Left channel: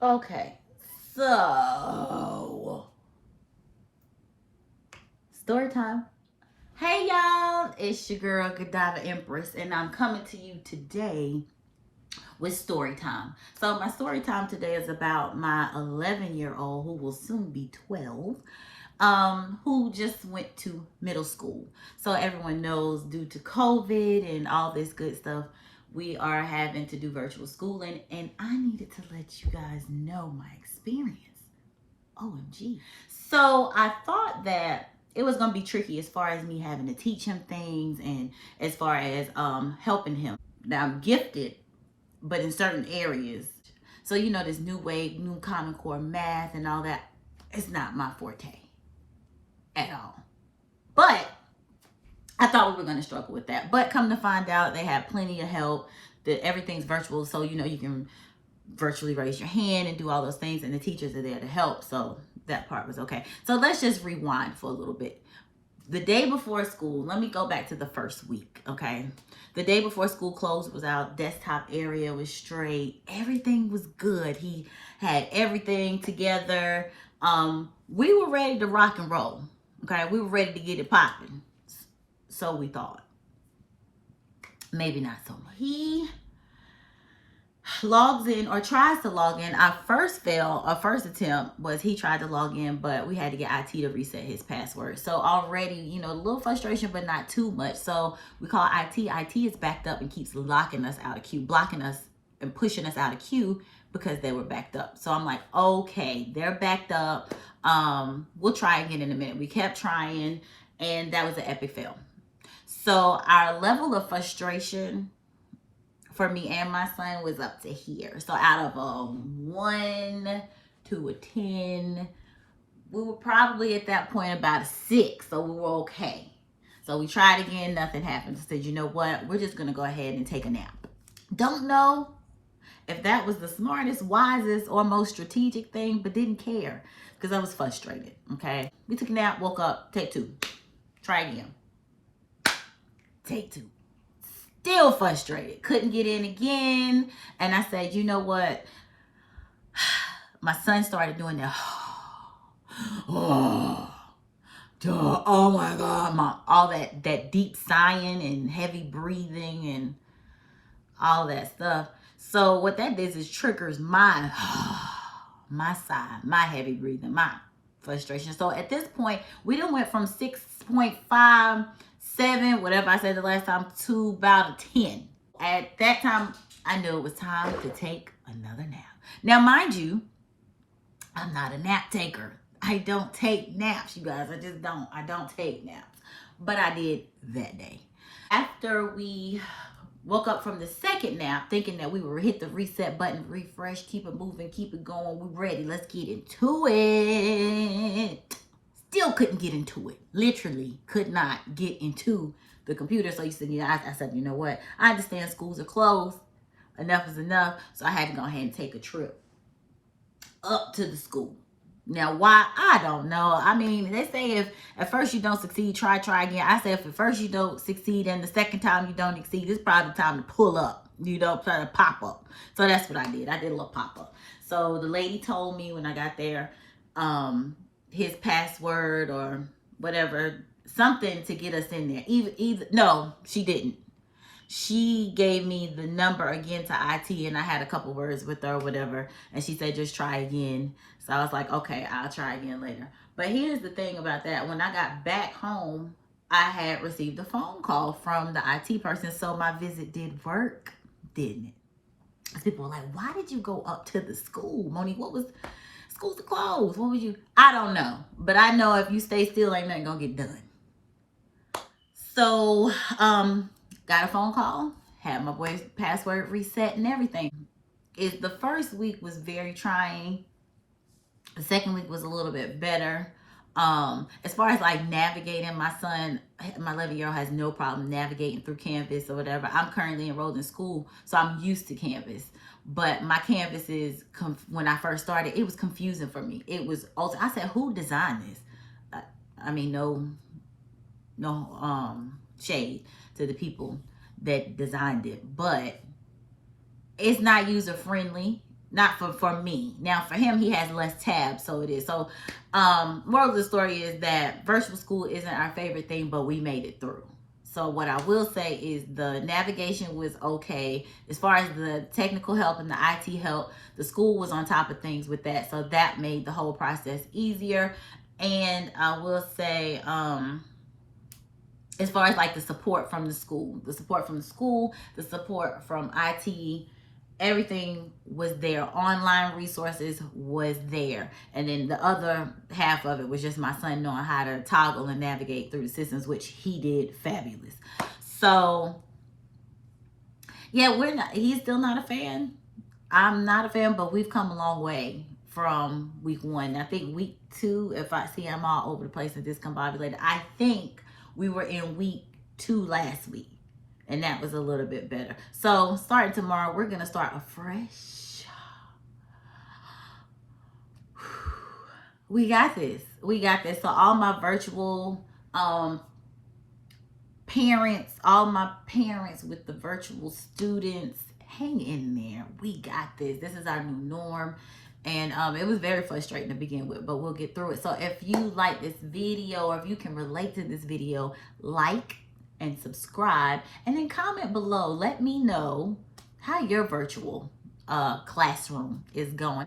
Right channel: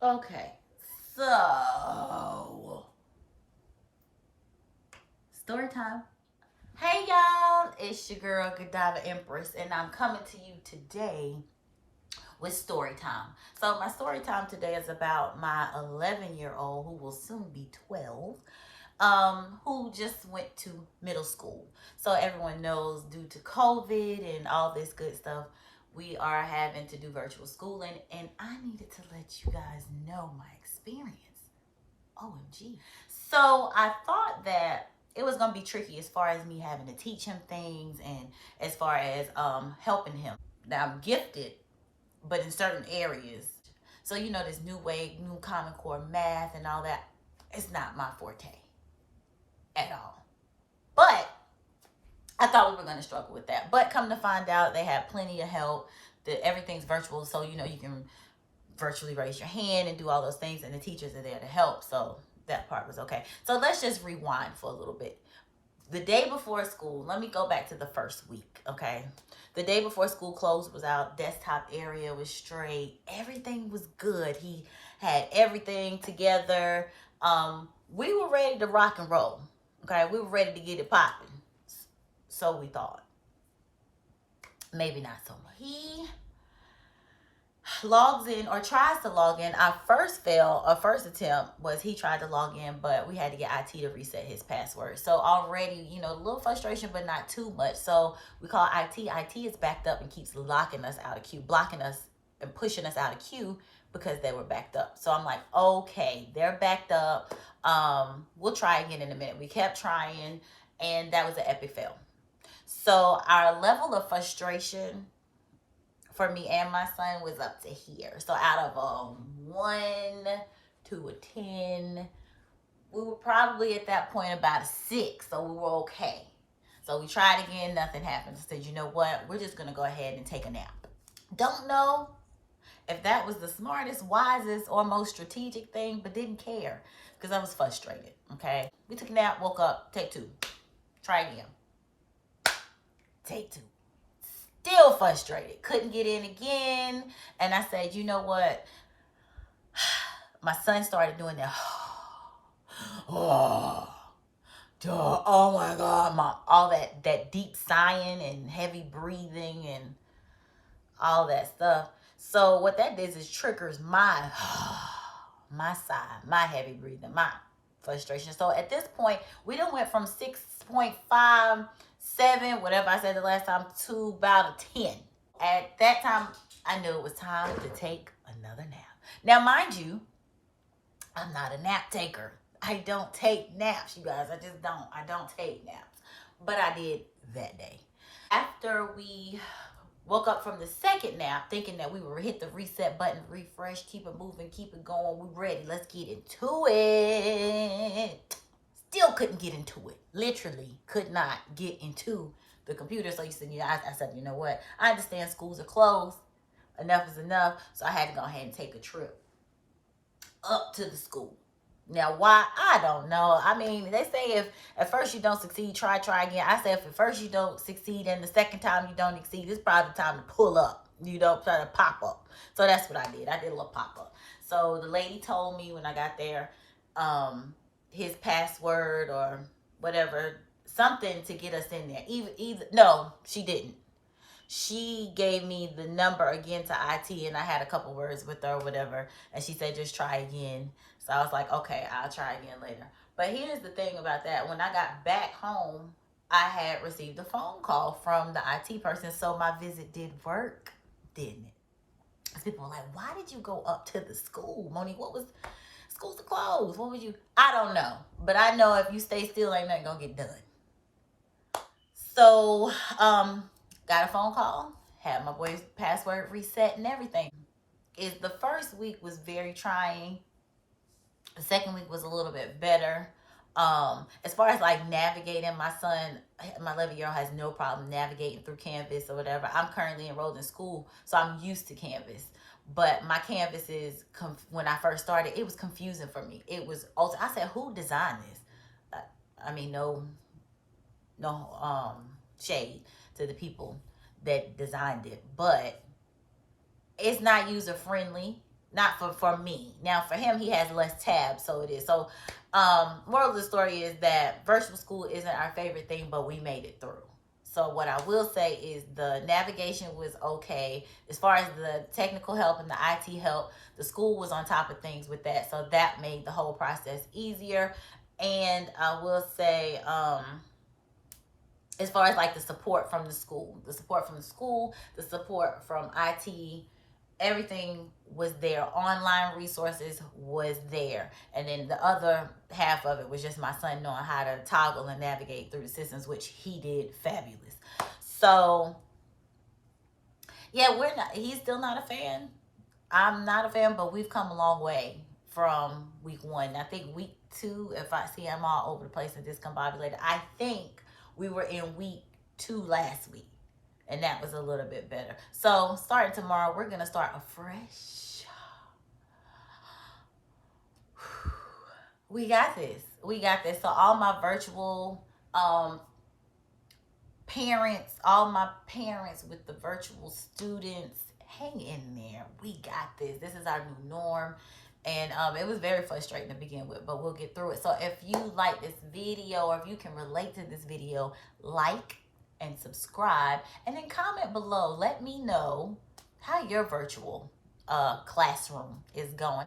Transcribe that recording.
Okay, so story time. Hey y'all, it's your girl Godiva Empress, and I'm coming to you today with story time. So my story time today is about my 11-year-old who will soon be 12, who just went to middle school. So everyone knows due to COVID and all this good stuff, we are having to do virtual schooling, and I needed to let you guys know my experience. OMG. So I thought that it was going to be tricky as far as me having to teach him things and as far as helping him. Now I'm gifted, but in certain areas. So you know this new way, new Common Core math and all that, it's not my forte at all. But I thought we were going to struggle with that. But come to find out, they have plenty of help. That everything's virtual, so you know you can virtually raise your hand and do all those things, and the teachers are there to help. So that part was okay. So let's just rewind for a little bit. The day before school, let me go back to the first week, okay? The day before school closed was out, desktop area was straight, everything was good. He had everything together. We were ready to rock and roll, okay? We were ready to get it popping. So we thought. Maybe not so much. He logs in or tries to log in. Our first attempt was he tried to log in, but we had to get IT to reset his password. So already, you know, a little frustration, but not too much. So we call IT. IT is backed up and keeps locking us out of queue, blocking us and pushing us out of queue because they were backed up. So I'm like, okay, they're backed up. We'll try again in a minute. We kept trying, and that was an epic fail. So our level of frustration for me and my son was up to here. So out of a 1 to a 10, we were probably at that point about a 6. So we were okay. So we tried again, nothing happened. I said, you know what? We're just going to go ahead and take a nap. Don't know if that was the smartest, wisest, or most strategic thing, but didn't care because I was frustrated. Okay. We took a nap, woke up, take 2. Try again. Take 2. Still frustrated. Couldn't get in again. And I said, you know what? My son started doing that. Oh, oh my God. All that deep sighing and heavy breathing and all that stuff. So what that does is triggers my sigh, my heavy breathing, my frustration. So at this point, we done went from 6.57, whatever I said the last time, to about a 10. At that time, I knew it was time to take another nap. Now, mind you, I'm not a nap taker. I don't take naps, you guys. I just don't. I don't take naps. But I did that day. After we woke up from the second nap, thinking that we would hit the reset button, refresh, keep it moving, keep it going. We're ready. Let's get into it. Still couldn't get into it. Literally could not get into the computer. So you said, I said, you know what? I understand schools are closed. Enough is enough. So I had to go ahead and take a trip up to the school. Now, why? I don't know. I mean, they say if at first you don't succeed, try again. I say if at first you don't succeed and the second time you don't exceed, it's probably time to pull up. You don't try to pop up. So that's what I did. I did a little pop up. So the lady told me when I got there, his password or whatever, something to get us in there. No, she didn't. She gave me the number again to IT, and I had a couple words with her or whatever, and she said just try again. So I was like, okay, I'll try again later. But here's the thing about that. When I got back home, I had received a phone call from the IT person. So my visit did work, didn't it? People were like, why did you go up to the school? Monique, what was, schools are closed. What would you, I don't know. But I know if you stay still, ain't nothing gonna get done. So, got a phone call, had my boy's password reset and everything. The first week was very trying. The second week was a little bit better. As far as like navigating, my son, my 11-year-old has no problem navigating through Canvas or whatever. I'm currently enrolled in school, so I'm used to Canvas. But my Canvas is, when I first started, it was confusing for me. It was also, I said, who designed this? I mean, no shade to the people that designed it, but it's not user friendly. Not for me. Now for him, he has less tabs, so it is. So moral of the story is that virtual school isn't our favorite thing, but we made it through. So what I will say is the navigation was okay. As far as the technical help and the IT help, the school was on top of things with that. So that made the whole process easier. And I will say, as far as like the support from the school, the support from IT, everything was there. Online resources was there. And then the other half of it was just my son knowing how to toggle and navigate through the systems, which he did fabulous. So yeah, he's still not a fan. I'm not a fan, but we've come a long way from week 1. I think week 2, if I see I'm all over the place and discombobulated, I think we were in week 2 last week. And that was a little bit better. So starting tomorrow, we're going to start afresh. We got this. We got this. So all my virtual parents, all my parents with the virtual students, hang in there. We got this. This is our new norm. And it was very frustrating to begin with, but we'll get through it. So if you like this video, or if you can relate to this video, like and subscribe, and then comment below. Let me know how your virtual classroom is going.